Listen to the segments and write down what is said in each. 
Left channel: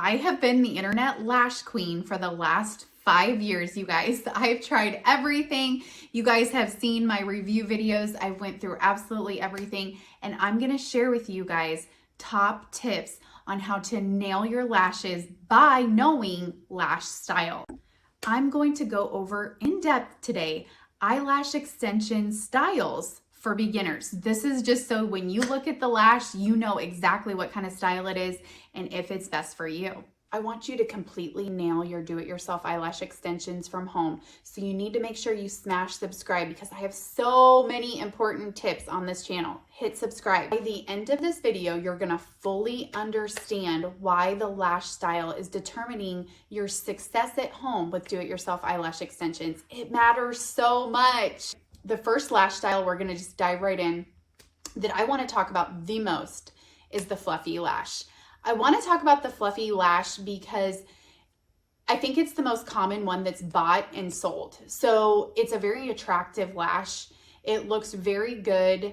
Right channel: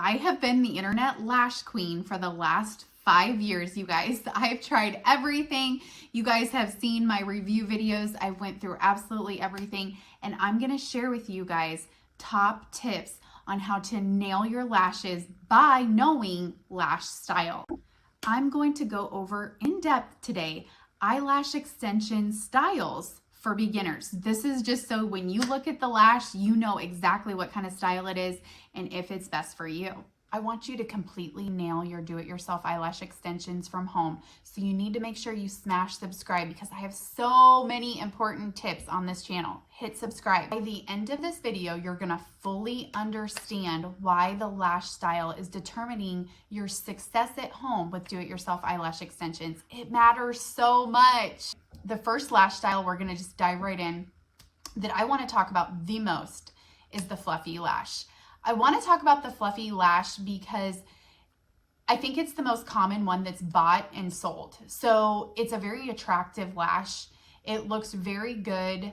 I have been the internet lash queen for the last 5 years, you guys. I've tried everything. You guys have seen my review videos. I went through absolutely everything, and I'm going to share with you guys top tips on how to nail your lashes by knowing lash style. I'm going to go over in depth today eyelash extension styles for beginners. This is just so when you look at the lash, you know exactly what kind of style it is and if it's best for you. I want you to completely nail your do-it-yourself eyelash extensions from home. So you need to make sure you smash subscribe because I have so many important tips on this channel. Hit subscribe. By the end of this video, you're gonna fully understand why the lash style is determining your success at home with do-it-yourself eyelash extensions. It matters so much. The first lash style we're gonna just dive right in that I wanna talk about the most is the fluffy lash. I want to talk about the fluffy lash because I think it's the most common one that's bought and sold. So it's a very attractive lash. It looks very good.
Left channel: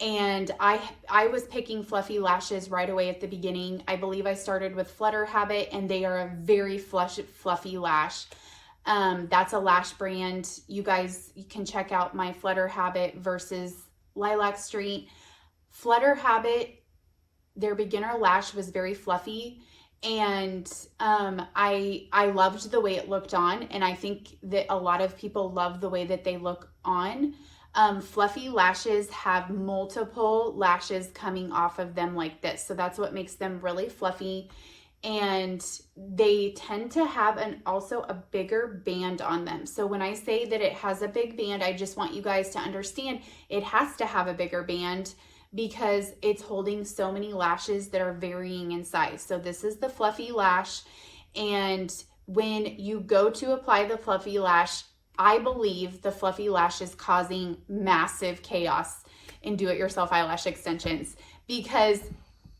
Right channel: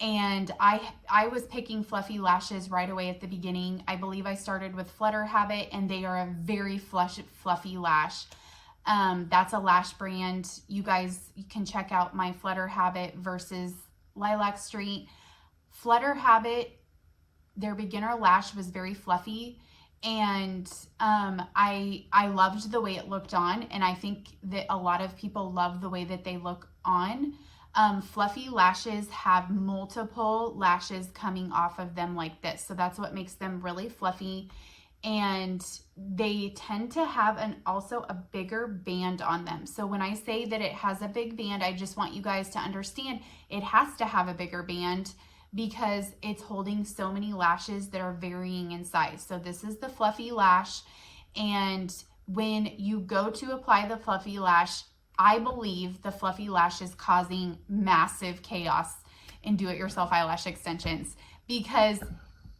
And I was picking fluffy lashes right away at the beginning. I believe I started with Flutter Habit, and they are a very fluffy lash. That's a lash brand. You guys can check out my Flutter Habit versus Lilac Street. Flutter Habit, their beginner lash was very fluffy, and I loved the way it looked on, and I think that a lot of people love the way that they look on. Fluffy lashes have multiple lashes coming off of them like this, so that's what makes them really fluffy, and they tend to have also a bigger band on them. So when I say that it has a big band, I just want you guys to understand it has to have a bigger band because it's holding so many lashes that are varying in size. So this is the fluffy lash, and when you go to apply the fluffy lash, I believe the fluffy lash is causing massive chaos in do-it-yourself eyelash extensions because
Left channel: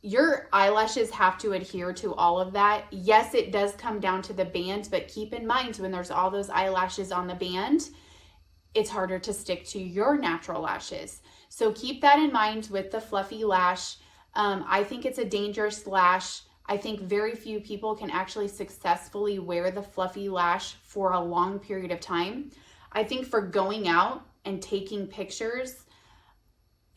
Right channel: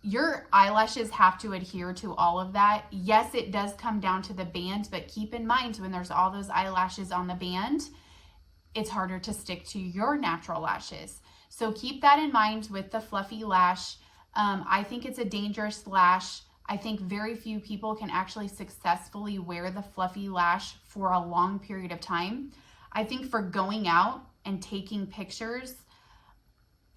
your eyelashes have to adhere to all of that. Yes, it does come down to the band, but keep in mind when there's all those eyelashes on the band, it's harder to stick to your natural lashes. So keep that in mind with the fluffy lash. I think it's a dangerous lash. I think very few people can actually successfully wear the fluffy lash for a long period of time. I think for going out and taking pictures,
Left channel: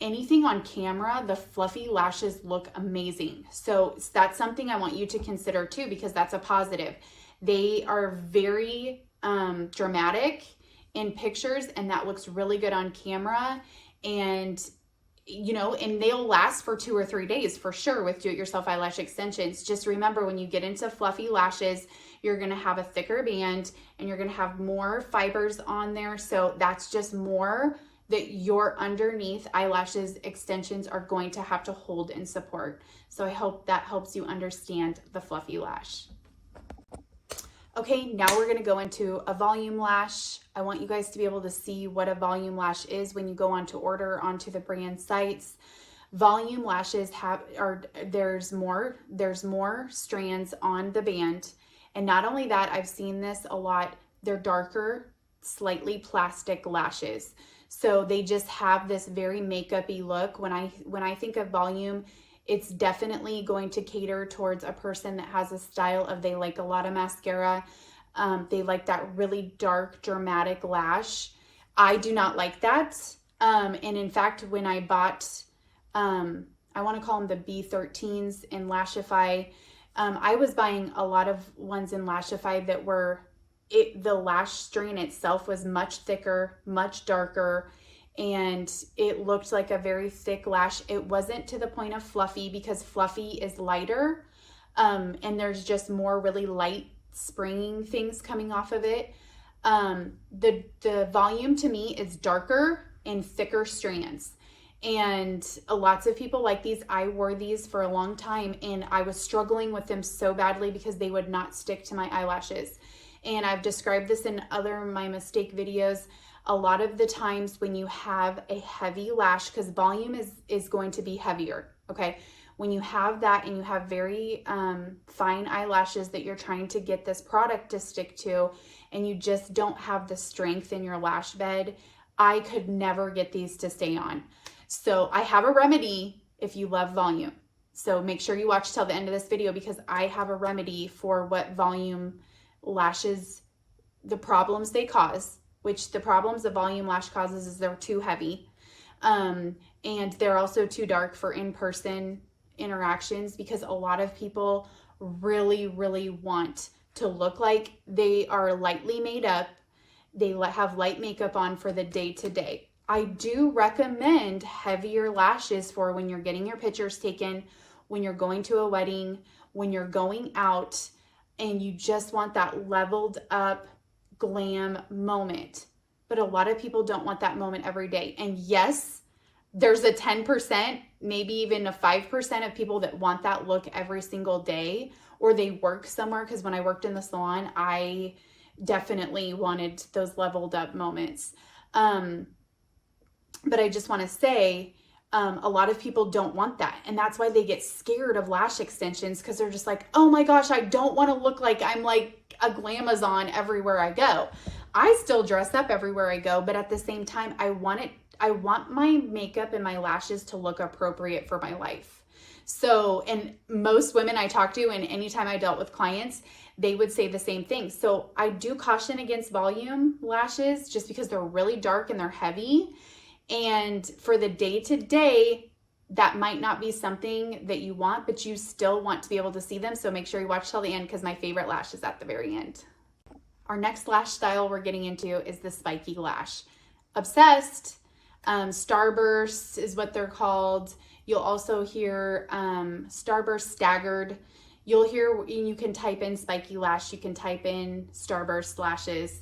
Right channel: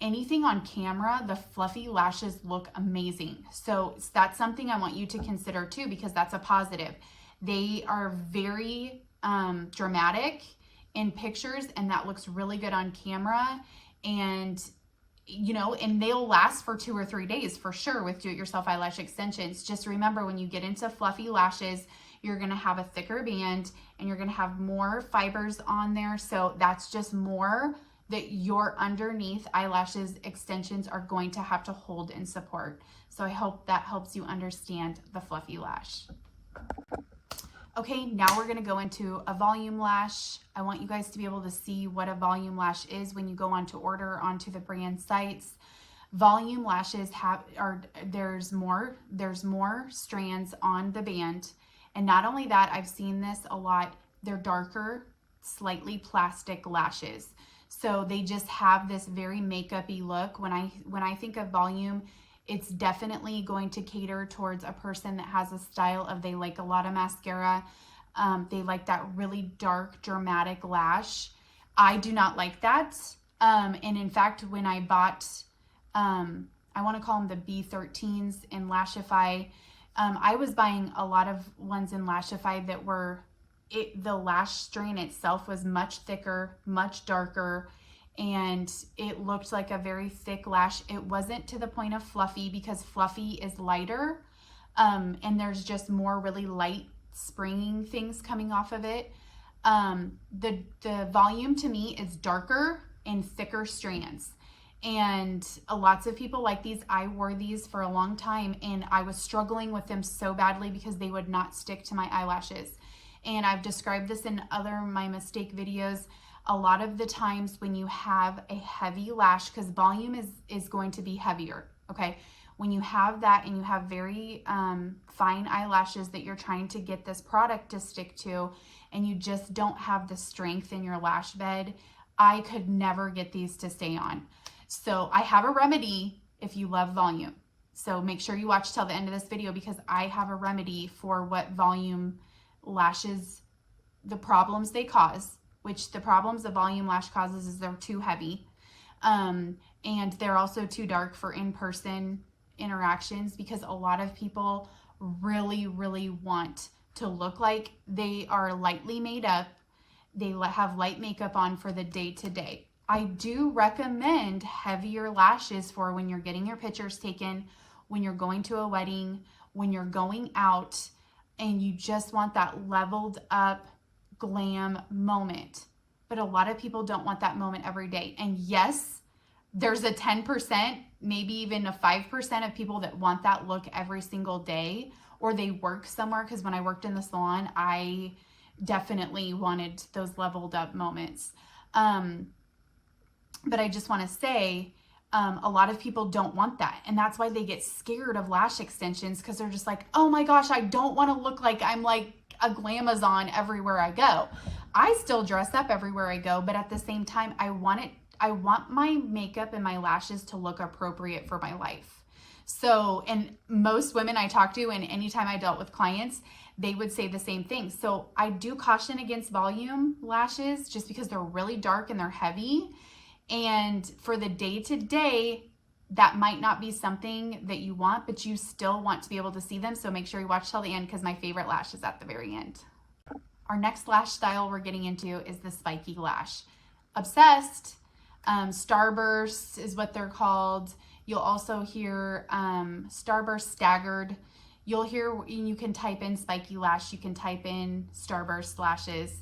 anything on camera, the fluffy lashes look amazing. So that's something I want you to consider too, because that's a positive. They are very dramatic in pictures, and that looks really good on camera. And you know, and they'll last for 2 or 3 days for sure with do-it-yourself eyelash extensions. Just remember, when you get into fluffy lashes, you're going to have a thicker band and you're going to have more fibers on there. So that's just more that your underneath eyelashes extensions are going to have to hold and support. So I hope that helps you understand the fluffy lash. Okay, now we're gonna go into a volume lash. I want you guys to be able to see what a volume lash is when you go on to order onto the brand sites. Volume lashes there's more strands on the band. And not only that, I've seen this a lot, they're darker, slightly plastic lashes. So they just have this very makeup-y look. When I think of volume, it's definitely going to cater towards a person that has a style of they like a lot of mascara. They like that really dark, dramatic lash. I do not like that. And in fact, when I bought, I want to call them the B13s in Lashify, I was buying a lot of ones in Lashify that were, the lash strand itself was much thicker, much darker, and it looked like a very thick lash. It wasn't to the point of fluffy because fluffy is lighter, and there's just more really light springing things coming off of it. The volume to me is darker and thicker strands, and lots of people like these. I wore these for a long time, and I was struggling with them so badly because they would not stick to my eyelashes. And I've described this in other my mistake videos. A lot of the times when you have a heavy lash, because volume is going to be heavier, okay? When you have that and you have very fine eyelashes that you're trying to get this product to stick to, and you just don't have the strength in your lash bed, I could never get these to stay on. So I have a remedy if you love volume. So make sure you watch till the end of this video because I have a remedy for what volume lashes, the problems they cause, which the problems a volume lash causes is they're too heavy. And they're also too dark for in-person interactions because a lot of people really, really want to look like they are lightly made up. They have light makeup on for the day-to-day. I do recommend heavier lashes for when you're getting your pictures taken, when you're going to a wedding, when you're going out, and you just want that leveled up glam moment. But a lot of people don't want that moment every day. And yes, there's a 10%, maybe even a 5% of people that want that look every single day, or they work somewhere. Because when I worked in the salon, I definitely wanted those leveled up moments. But I just want to say, a lot of people don't want that. And that's why they get scared of lash extensions because they're just like, oh my gosh, I don't want to look like I'm like a glamazon everywhere I go. I still dress up everywhere I go, but at the same time, I want my makeup and my lashes to look appropriate for my life. So, and most women I talk to, and anytime I dealt with clients, they would say the same thing. So I do caution against volume lashes just because they're really dark and they're heavy. And for the day-to-day, that might not be something that you want, but you still want to be able to see them. So make sure you watch till the end because my favorite lash is at the very end. Our next lash style we're getting into is the spiky lash. Obsessed, Starburst is what they're called. You'll also hear Starburst Staggered. You'll hear, you can type in spiky lash, you can type in Starburst Lashes.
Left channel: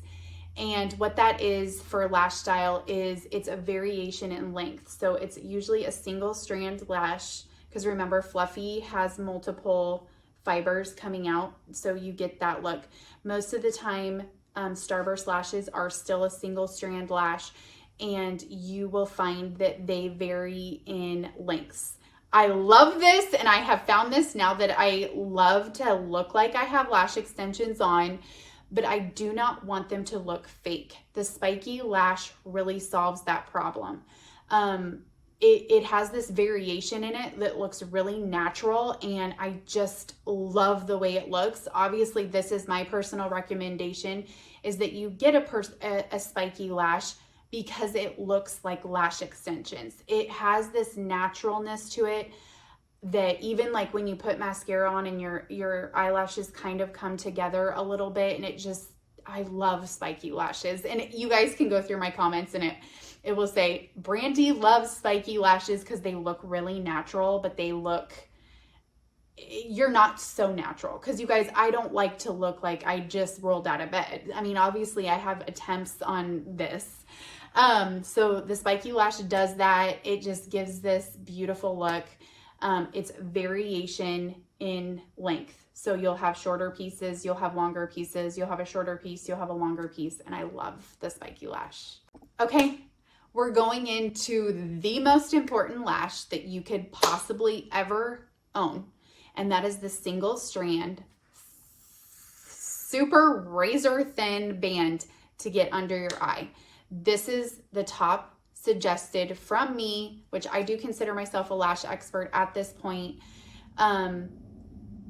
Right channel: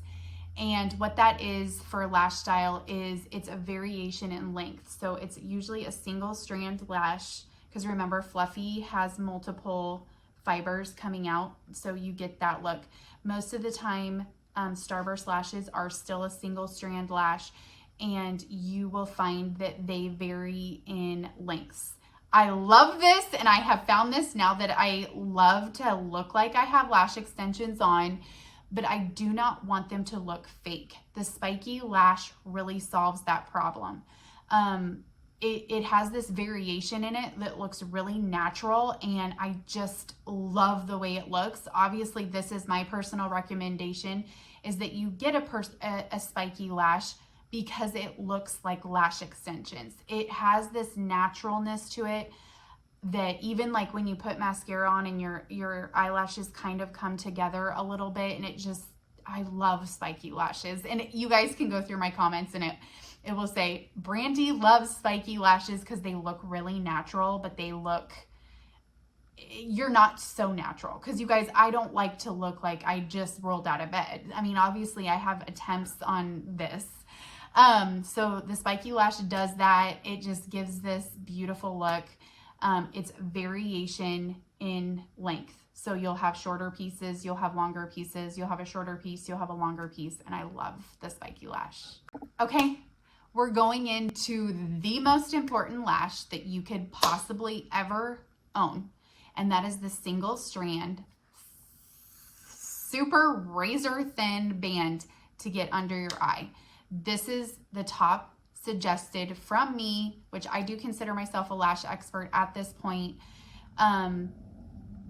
And what that is for lash style is it's a variation in length. So it's usually a single strand lash because remember, fluffy has multiple fibers coming out. So you get that look. Most of the time, Starburst lashes are still a single strand lash, and you will find that they vary in lengths. I love this, and I have found this now that I love to look like I have lash extensions on, but I do not want them to look fake. The spiky lash really solves that problem. It has this variation in it that looks really natural, and I just love the way it looks. Obviously, this is my personal recommendation, is that you get a spiky lash because it looks like lash extensions. It has this naturalness to it that even like when you put mascara on and your eyelashes kind of come together a little bit, and it just, I love spiky lashes. And you guys can go through my comments and it will say, Brandi loves spiky lashes because they look really natural, but they look, you're not so natural. Because you guys, I don't like to look like I just rolled out of bed. I mean, obviously I have attempts on this. So the spiky lash does that. It just gives this beautiful look. It's variation in length. So you'll have shorter pieces, you'll have longer pieces, you'll have a shorter piece, you'll have a longer piece, and I love the spiky lash. Okay, we're going into the most important lash that you could possibly ever own, and that is the single strand, super razor thin band to get under your eye. This is the top suggested from me, which I do consider myself a lash expert at this point.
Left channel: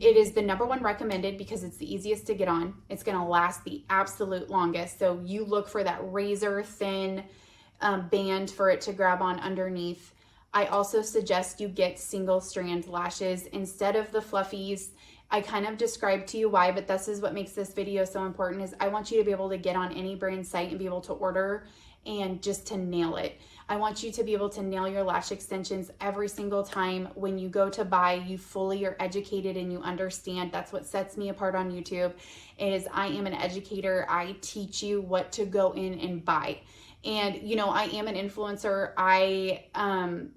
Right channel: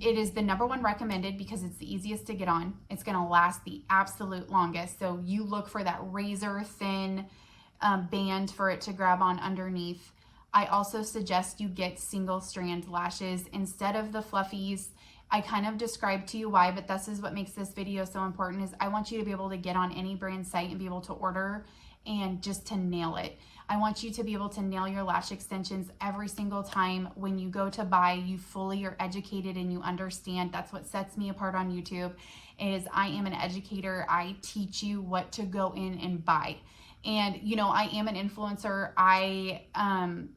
It is the #1 recommended because it's the easiest to get on. It's going to last the absolute longest. So you look for that razor thin band for it to grab on underneath. I also suggest you get single strand lashes instead of the fluffies. I kind of described to you why, but this is what makes this video so important, is I want you to be able to get on any brand site and be able to order and just to nail it. I want you to be able to nail your lash extensions every single time. When you go to buy, you fully are educated and you understand. That's what sets me apart on YouTube, is I am an educator. I teach you what to go in and buy. And, you know, I am an influencer. I,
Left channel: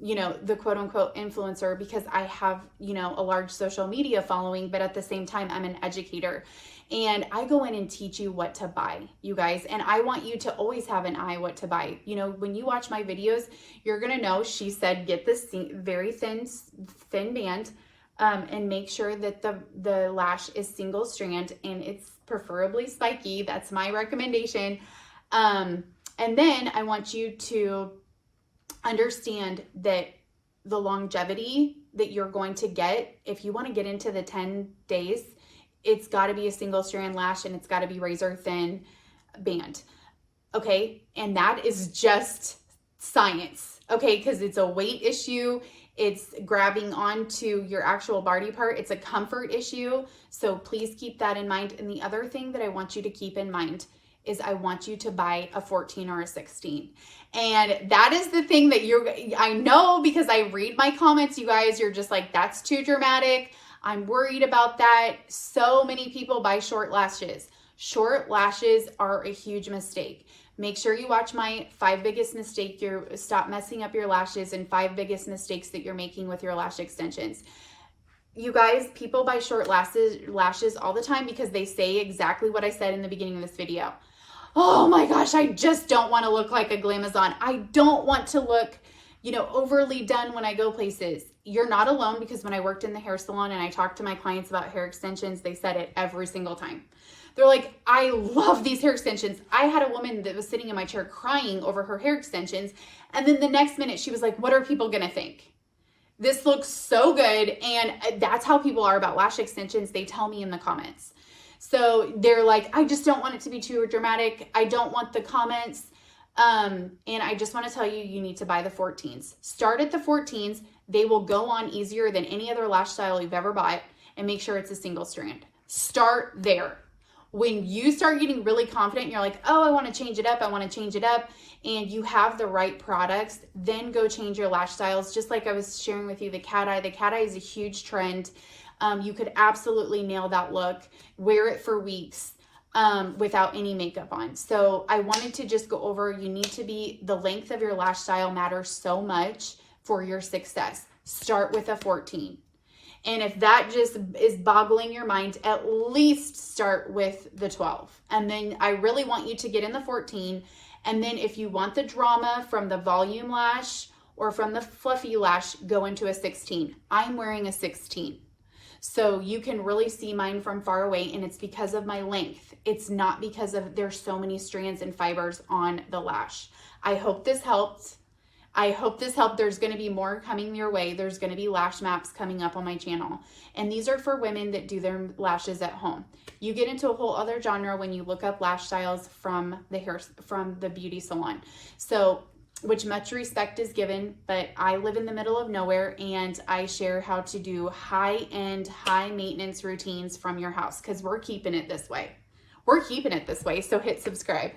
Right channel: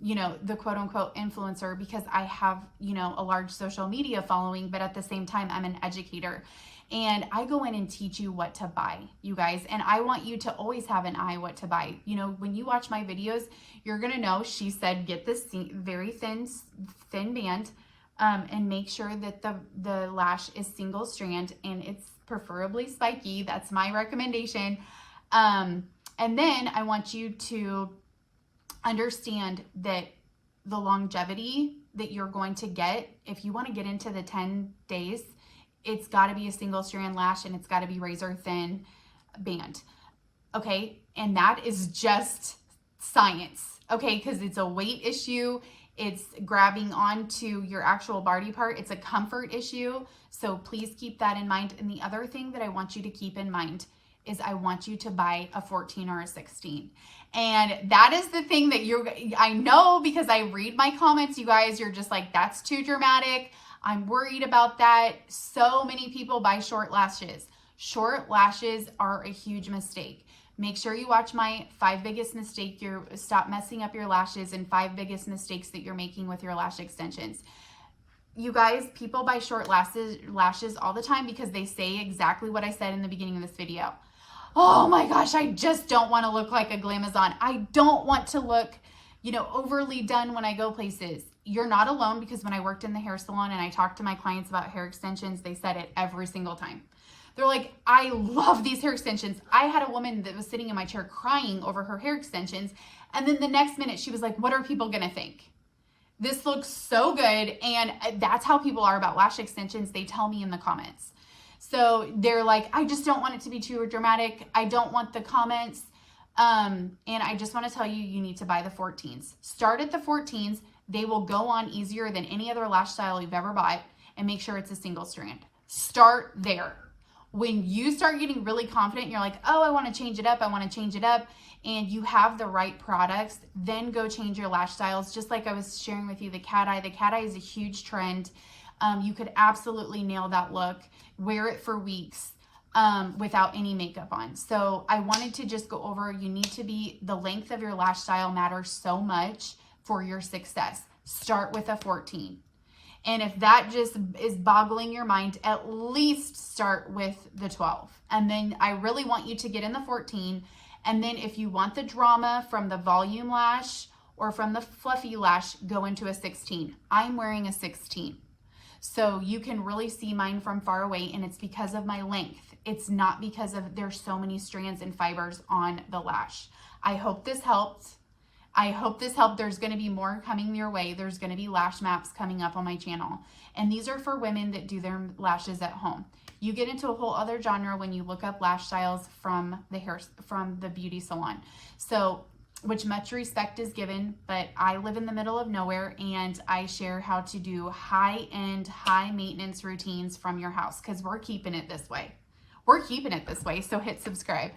you know, the quote unquote influencer because I have, you know, a large social media following, but at the same time, I'm an educator. And I go in and teach you what to buy, you guys. And I want you to always have an eye what to buy. You know, when you watch my videos, you're going to know she said get this very thin band and make sure that the lash is single strand and it's preferably spiky. That's my recommendation. And then I want you to understand that the longevity that you're going to get, if you want to get into the 10 days, it's got to be a single strand lash and it's got to be razor thin band. Okay. And that is just science. Okay. Because it's a weight issue. It's grabbing onto your actual body part. It's a comfort issue. So please keep that in mind. And the other thing that I want you to keep in mind is I want you to buy a 14 or a 16. And that is the thing that I know, because I read my comments, you guys, you're just like, that's too dramatic. I'm worried about that. So many people buy short lashes. Short lashes are a huge mistake. Make sure you watch my 5 biggest mistakes. Stop messing up your lashes and 5 biggest mistakes that you're making with your lash extensions. You guys, people buy short lashes all the time because they say exactly what I said in the beginning of this video. Oh my gosh, I just don't want to look like a glamazon. I don't want to look, overly done when I go places. You're not alone, because when I worked in the hair salon and I talked to my clients about hair extensions, they said it every single time. They're like, I love these hair extensions. I had a woman that was sitting in my chair crying over her hair extensions. And then the next minute she was like, what are people going to think? This looks so good. And that's how people are about lash extensions. They tell me in the comments. So they're like, I just don't want it to be too dramatic. I don't want the comments. And I just want to tell you, you need to buy the 14s. Start at the 14s. They will go on easier than any other lash style you've ever bought, and make sure it's a single strand. Start there. When you start getting really confident, you're like, oh, I want to change it up. I want to change it up. And you have the right products, then go change your lash styles. Just like I was sharing with you, the cat eye. The cat eye is a huge trend. You could absolutely nail that look. Wear it for weeks without any makeup on. So I wanted to just go over, the length of your lash style matters so much for your success. Start with a 14. And if that just is boggling your mind, at least start with the 12. And then I really want you to get in the 14. And then if you want the drama from the volume lash or from the fluffy lash, go into a 16. I'm wearing a 16. So you can really see mine from far away, and it's because of my length. It's not because of there's so many strands and fibers on the lash. I hope this helped. There's going to be more coming your way. There's going to be lash maps coming up on my channel. And these are for women that do their lashes at home. You get into a whole other genre when you look up lash styles from the beauty salon. So, which much respect is given, but I live in the middle of nowhere, and I share how to do high-end, high-maintenance routines from your house, because we're keeping it this way. So hit subscribe.